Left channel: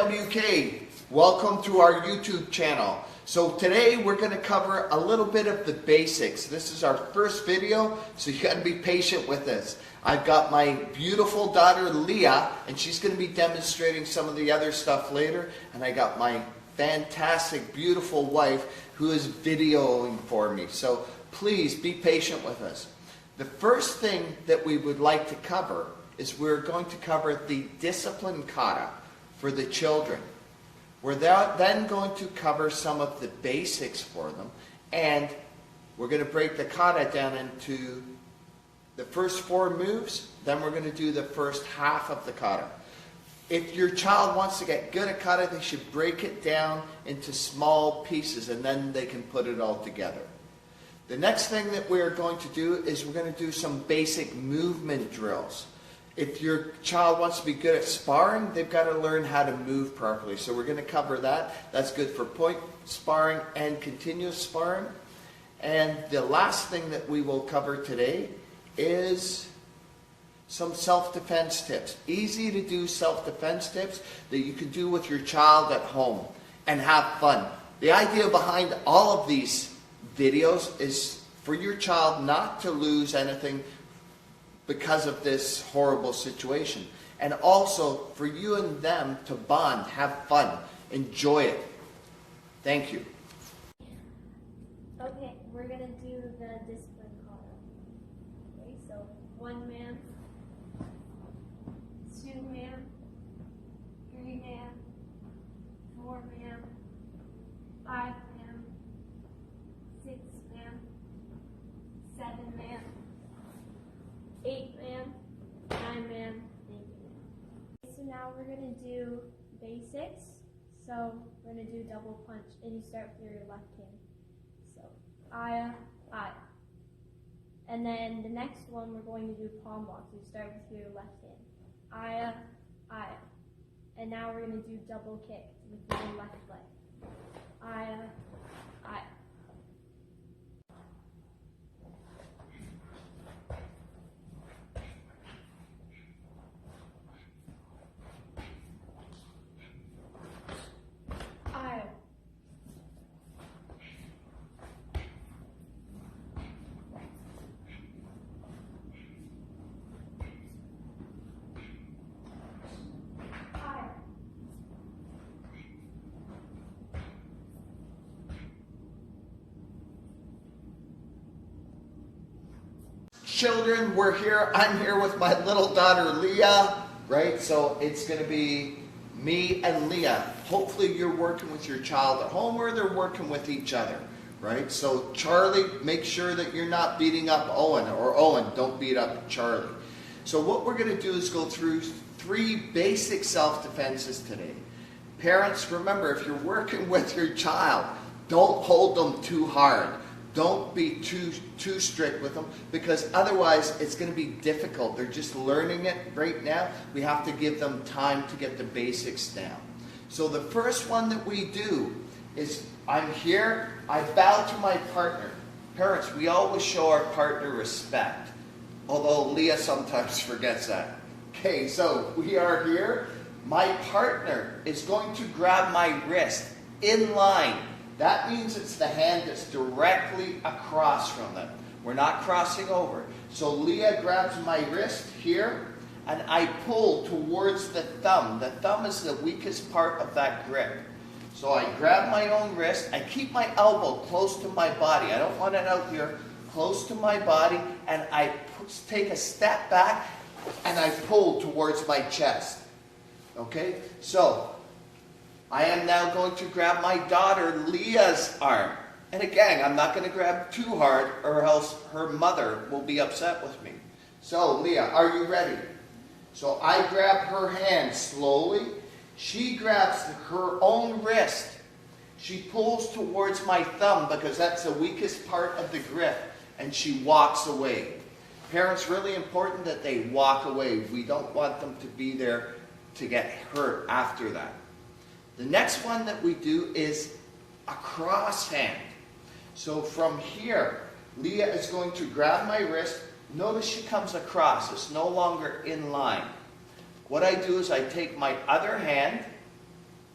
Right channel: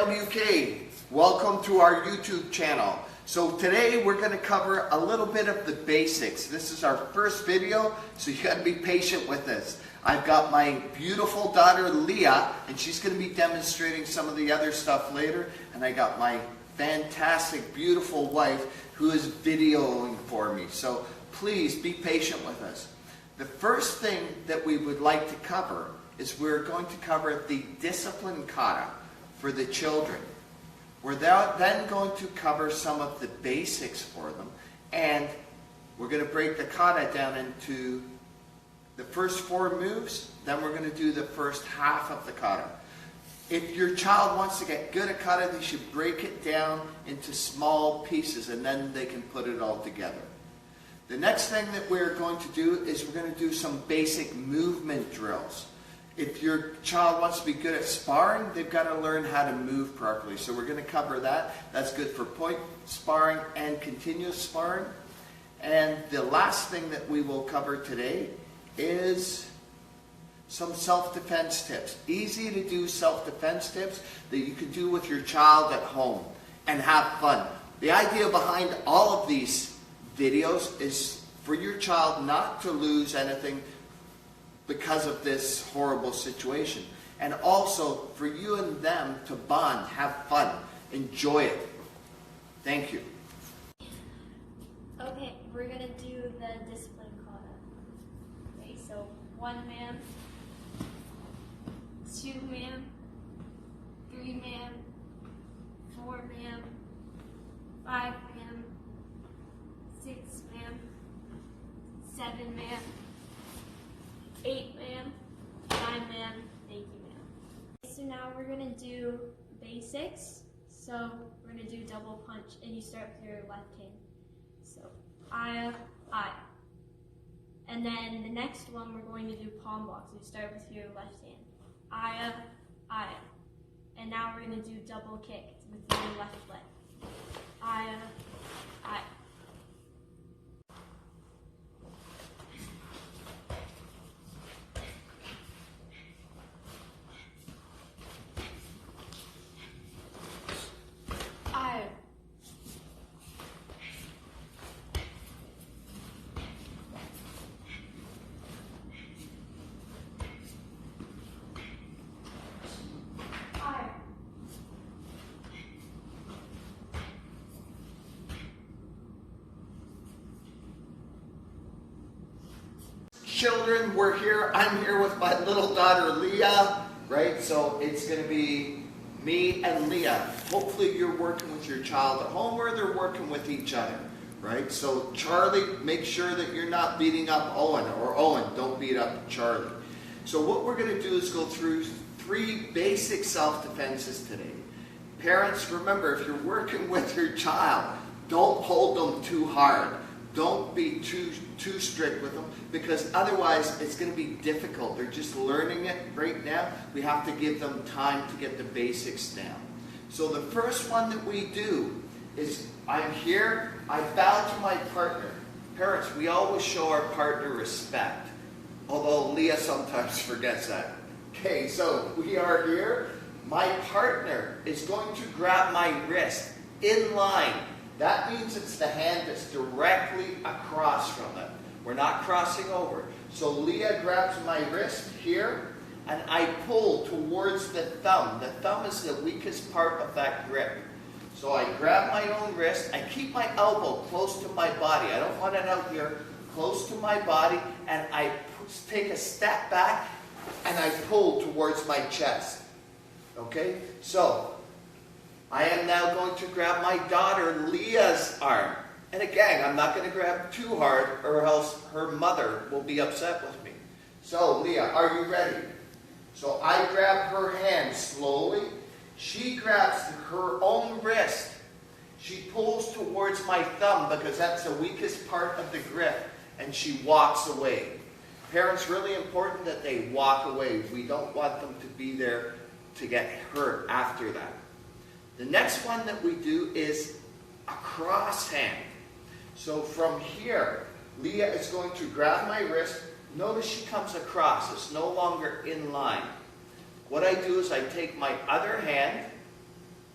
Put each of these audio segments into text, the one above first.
WK, welcome to our YouTube channel. So today we're going to cover a little bit of the basics. This is our first video, so you got to be patient with us. I've got my beautiful daughter Leah, and she's going to be demonstrating some of the other stuff later. And I got my fantastic, beautiful wife who is videoing for me. So please be patient with us. The first thing that we would like to cover is we're going to cover the discipline kata for the children. We're then going to cover some of the basics for them, and we're going to break the kata down into the first 4 moves, then we're going to do the first half of the kata. If your child wants to get good at kata, they should break it down into small pieces, and then they can put it all together. The next thing that we're going to do is we're going to do some basic movement drills. If your child wants to be good at sparring, they've got to learn how to move properly. So we're going to cover that. That's good for point sparring and continuous sparring. And the last thing that we will cover today is some self-defense tips. Easy to do self-defense tips that you can do with your child at home and have fun. The idea behind all of these videos is for your child not to lose anything because of this horrible situation. And also for you and them to bond, have fun, enjoy it. Thank you. Okay, we're going to do the discipline kata. Okay, so 1 man, 2 man, 3 man, 4 man, 5 man, 6 man, 7 man, 8 man, 9 man, 8 man. So now we're going to do basics. So we're going to do double punch, and you start with your left hand. So aya, aya. And then the next one we're going to do palm box. You start with your left hand. Aya, aya. And now we're going to do double kick with your left leg. Aya, aya. Children, we're here. I'm here with my little daughter Leah, right? So it's going to be me and Leah. Hopefully you're working with your child at home, or they're working with each other, right? So Charlie, make sure that you're not beating up Owen, or Owen, don't beat up Charlie. So what we're going to do is go through 3 basic self-defenses today. Parents, remember, if you're working with your child, don't hold them too hard. Don't be too strict with them, because otherwise it's going to be difficult. They're just learning it right now. We have to give them time to get the basics down. So the first one that we do is, I'm here, I bow to my partner. Parents, we always show our partner respect, although Leah sometimes forgets that. Okay, so we are here. My partner is going to grab my wrist in line. That means it's the hand that's directly across from them. We're not crossing over. So Leah grabs my wrist here, and I pull towards the thumb. The thumb is the weakest part of that grip. So I grab my own wrist. I keep my elbow close to my body. I don't want it out here. Close to my body, and I take a step back, and I pull towards my chest. Okay? So I am now going to grab my daughter Leah's arm. And again, I'm not going to grab too hard, or else her mother will be upset with me. So Leah, are you ready? So I grab her hand slowly. She grabs her own wrist. She pulls towards my thumb, because that's the weakest part of the grip, and she walks away. Parents, really important that they walk away. We don't want them to be there to get hurt after that. The next one that we do is a cross hand. So from here, Leah is going to grab my wrist. Notice she comes across. It's no longer in line. What I do is I take my other hand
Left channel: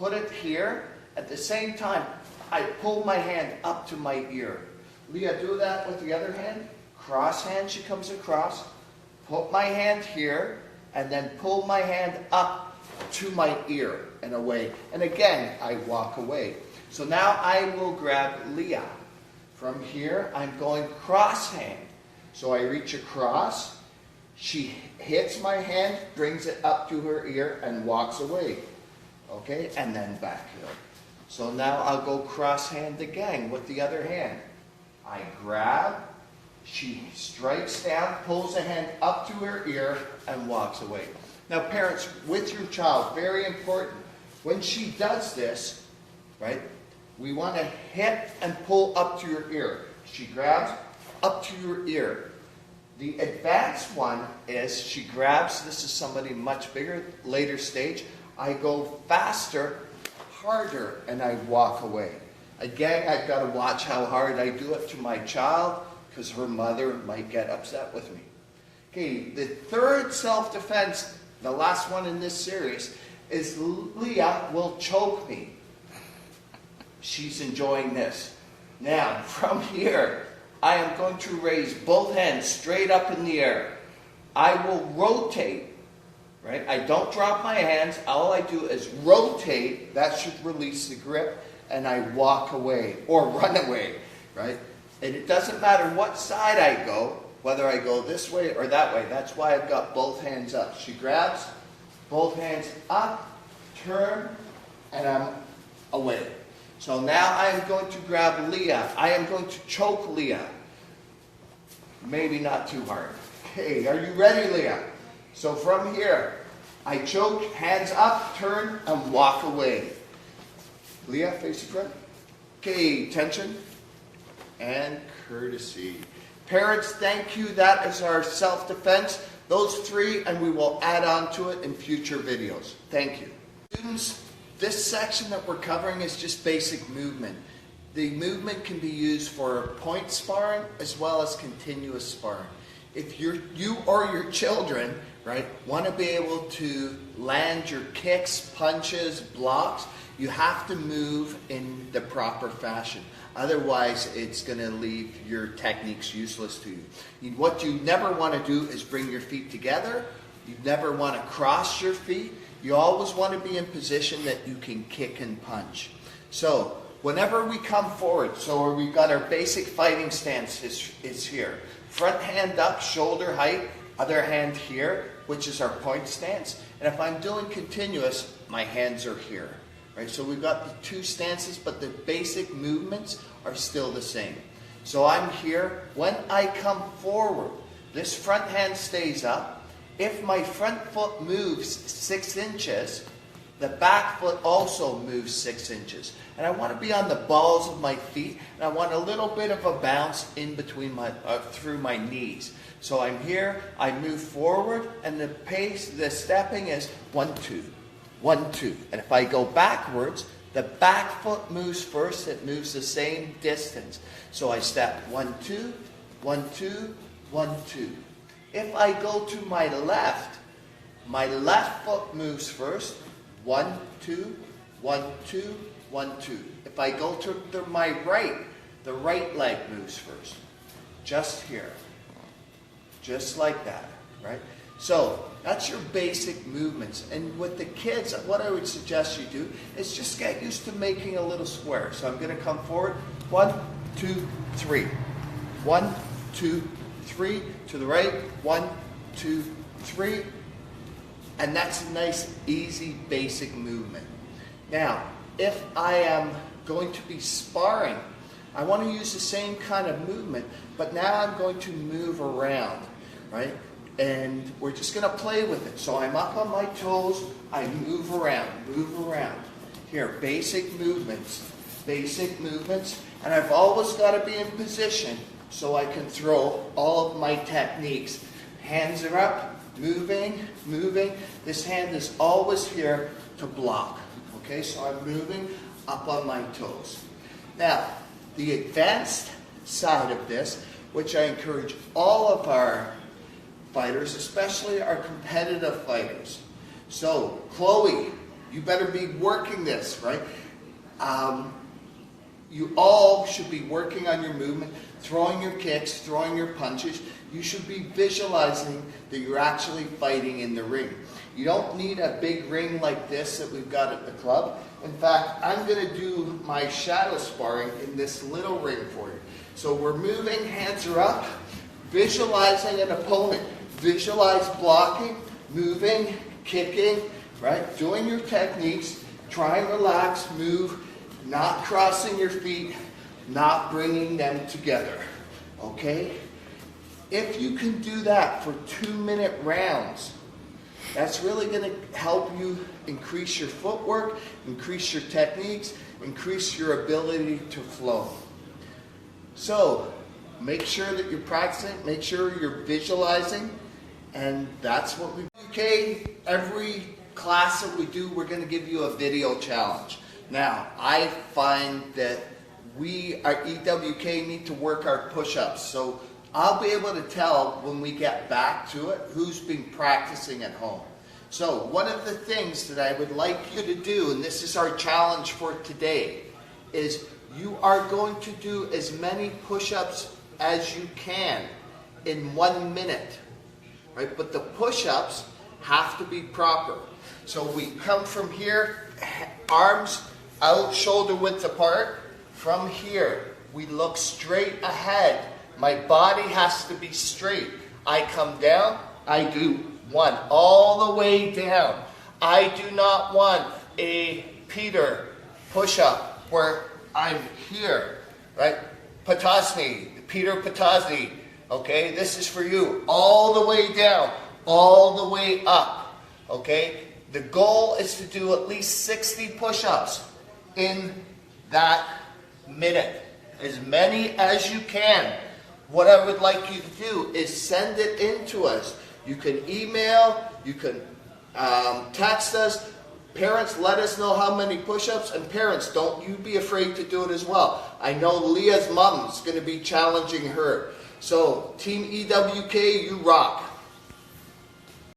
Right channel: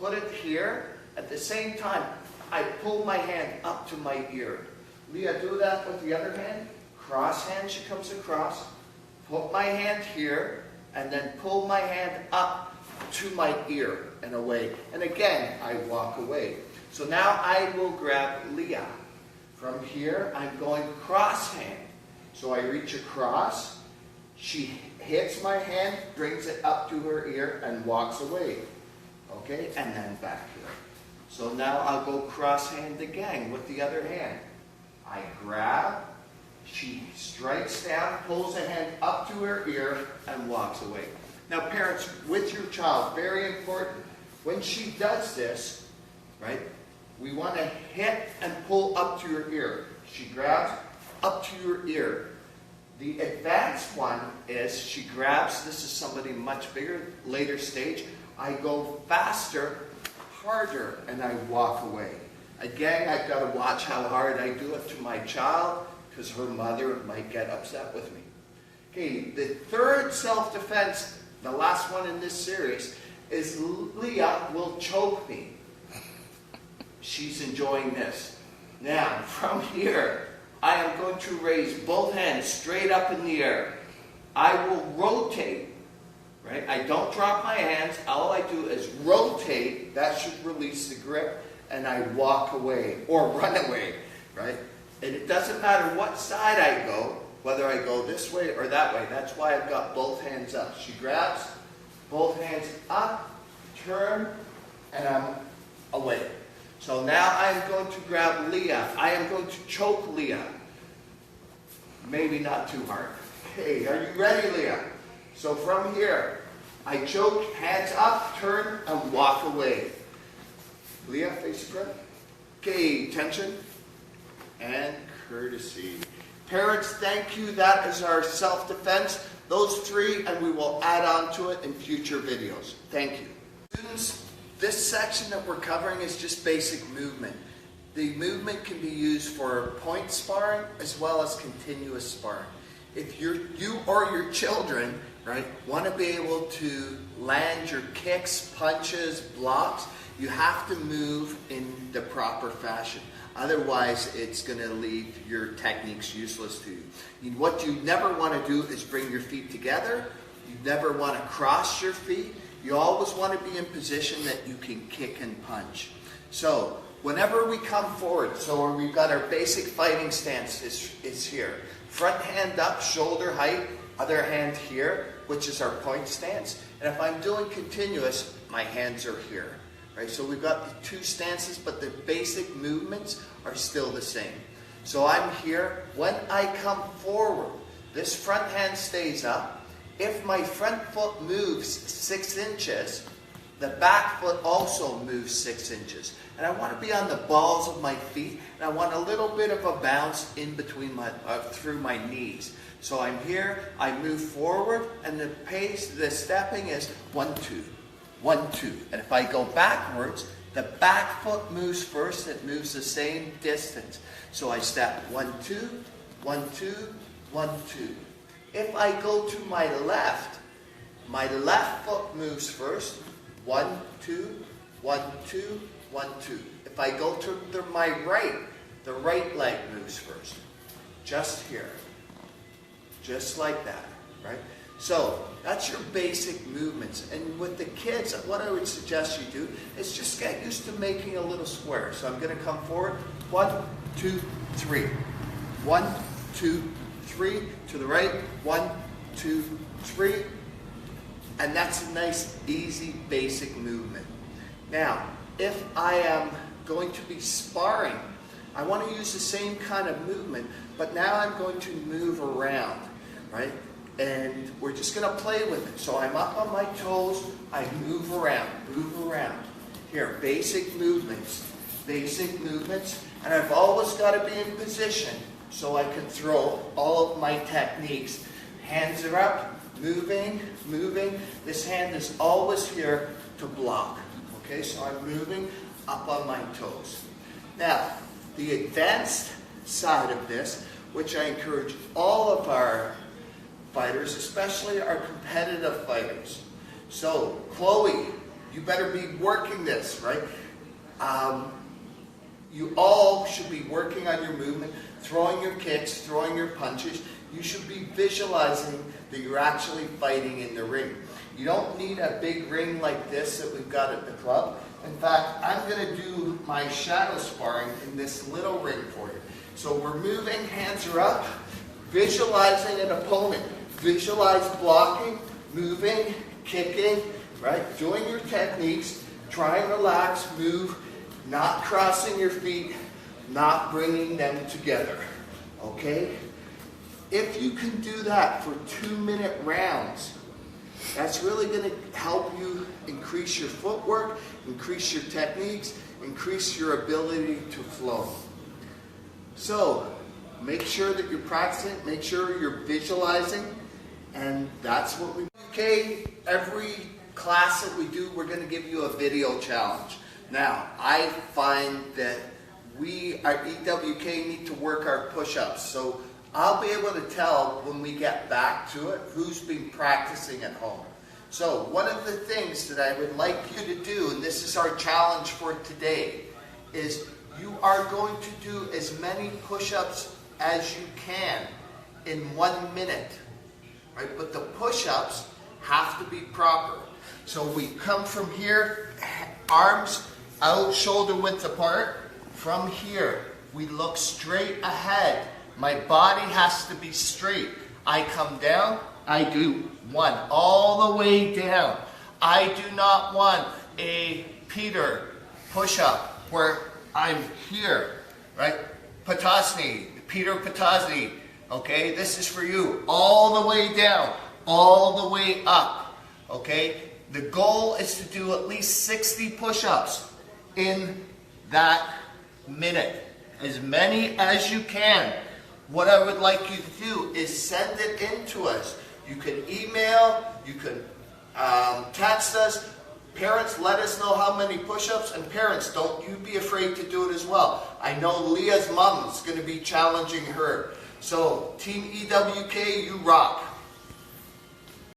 put it here. At the same time, I pull my hand up to my ear. Leah, do that with the other hand. Cross hand, she comes across. Put my hand here, and then pull my hand up to my ear and away. And again, I walk away. So now I will grab Leah. From here, I'm going cross hand. So I reach across. She hits my hand, brings it up to her ear, and walks away. Okay, and then back here. So now I'll go cross hand again with the other hand. I grab, she strikes down, pulls the hand up to her ear, and walks away. Now parents, with your child, very important, when she does this, right, we want to hit and pull up to your ear. She grabs up to your ear. The advanced one is she grabs, this is somebody much bigger, later stage. I go faster, harder, and I walk away. Again, I've got to watch how hard I do it to my child because her mother might get upset with me. Okay, the third self-defense, the last one in this series, is Leah will choke me. She's enjoying this. Now, from here, I am going to raise both hands straight up in the air. I will rotate. Right? I don't drop my hands. All I do is rotate. That should release the grip. And I walk away or run away. Right? And it doesn't matter what side I go, whether I go this way or that way. That's why I've got both hands up. She grabs, both hands up, turn, and I'm away. So now I'm going to grab Leah. I am going to choke Leah. Maybe not too hard. Hey, are you ready, Leah? So from here, I choke, hands up, turn, and walk away. Leah, face the front. Okay, tension and courtesy. Parents, thank you. That is our self-defense. Those three, and we will add on to it in future videos. Thank you. Students, this section that we're covering is just basic movement. The movement can be used for point sparring as well as continuous sparring. If you or your children, right, want to be able to land your kicks, punches, blocks, you have to move in the proper fashion. Otherwise, it's going to leave your techniques useless to you. What you never want to do is bring your feet together. You never want to cross your feet. You always want to be in position that you can kick and punch. So, whenever we come forward, so we've got our basic fighting stance is here. Front hand up, shoulder height, other hand here, which is our point stance. And if I'm doing continuous, my hands are here. Right? So we've got the two stances, but the basic movements are still the same. So I'm here. When I come forward, this front hand stays up. If my front foot moves 6 inches, the back foot also moves 6 inches. And I want to be on the balls of my feet, and I want a little bit of a bounce in between through my knees. So I'm here, I move forward, and the pace, the stepping is 1, 2, 1, 2. And if I go backwards, the back foot moves first, it moves the same distance. So I step 1, 2, 1, 2, 1, 2. If I go to my left foot moves first, 1, 2, 1, 2, 1, 2. If I go to my right, the right leg moves first. Just here. Just like that, right? So, that's your basic movements. And with the kids, what I would suggest you do is just get used to making a little square. So I'm going to come forward. 1, 2, 3. 1, 2, 3. To the right. 1, 2, 3. And that's a nice, easy, basic movement. Now, if I am going to be sparring, I want to use the same kind of movement, but now I'm going to move around, right? And we're just going to play with it. So I'm up on my toes, I move around, Here, basic movements, and I've always got to be in position so I can throw all of my techniques. Hands are up, moving. This hand is always here to block. Okay, so I'm moving up on my toes. Now, the advanced side of this, which I encourage all of our fighters, especially our competitive fighters. So, Chloe, You better be working this, right? You all should be working on your movement, throwing your kicks, throwing your punches. You should be visualizing that you're actually fighting in the ring. You don't need a big ring like this that we've got at the club. In fact, I'm going to do my shadow sparring in this little ring for you. So we're moving, hands are up, visualizing an opponent. Visualize blocking, moving, kicking, right? Doing your techniques. Try and relax, move, not crossing your feet, not bringing them together, okay? If you can do that for 2-minute rounds, that's really going to help you increase your footwork, increase your techniques, increase your ability to flow. So, make sure that you're practicing, make sure you're visualizing, and that's what we do. Okay, every class that we do, we're going to give you a video challenge. Now, I find that we at EWK need to work our push-ups. So I'll be able to tell when we get back to it who's been practicing at home. So one of the things that I would like you to do, and this is our challenge for today, is you are going to do as many push-ups as you can in 1 minute. Right? But the push-ups have to be proper. So we come from here, arms out, shoulder width apart. From here, we look straight ahead. My body has to be straight. I come down, I do 1, all the way down. I do not want a Peter push-up where I'm here, right? Patasni, Peter Patasni, okay? This is for you. All the way down, all the way up, okay? The goal is to do at least 60 push-ups in that minute. As many as you can. What I would like you to do is send it in to us. You can email, you can text us. Parents, let us know how many push-ups, and parents, don't you be afraid to do it as well. I know Leah's mom is going to be challenging her. So, Team EWK, you rock.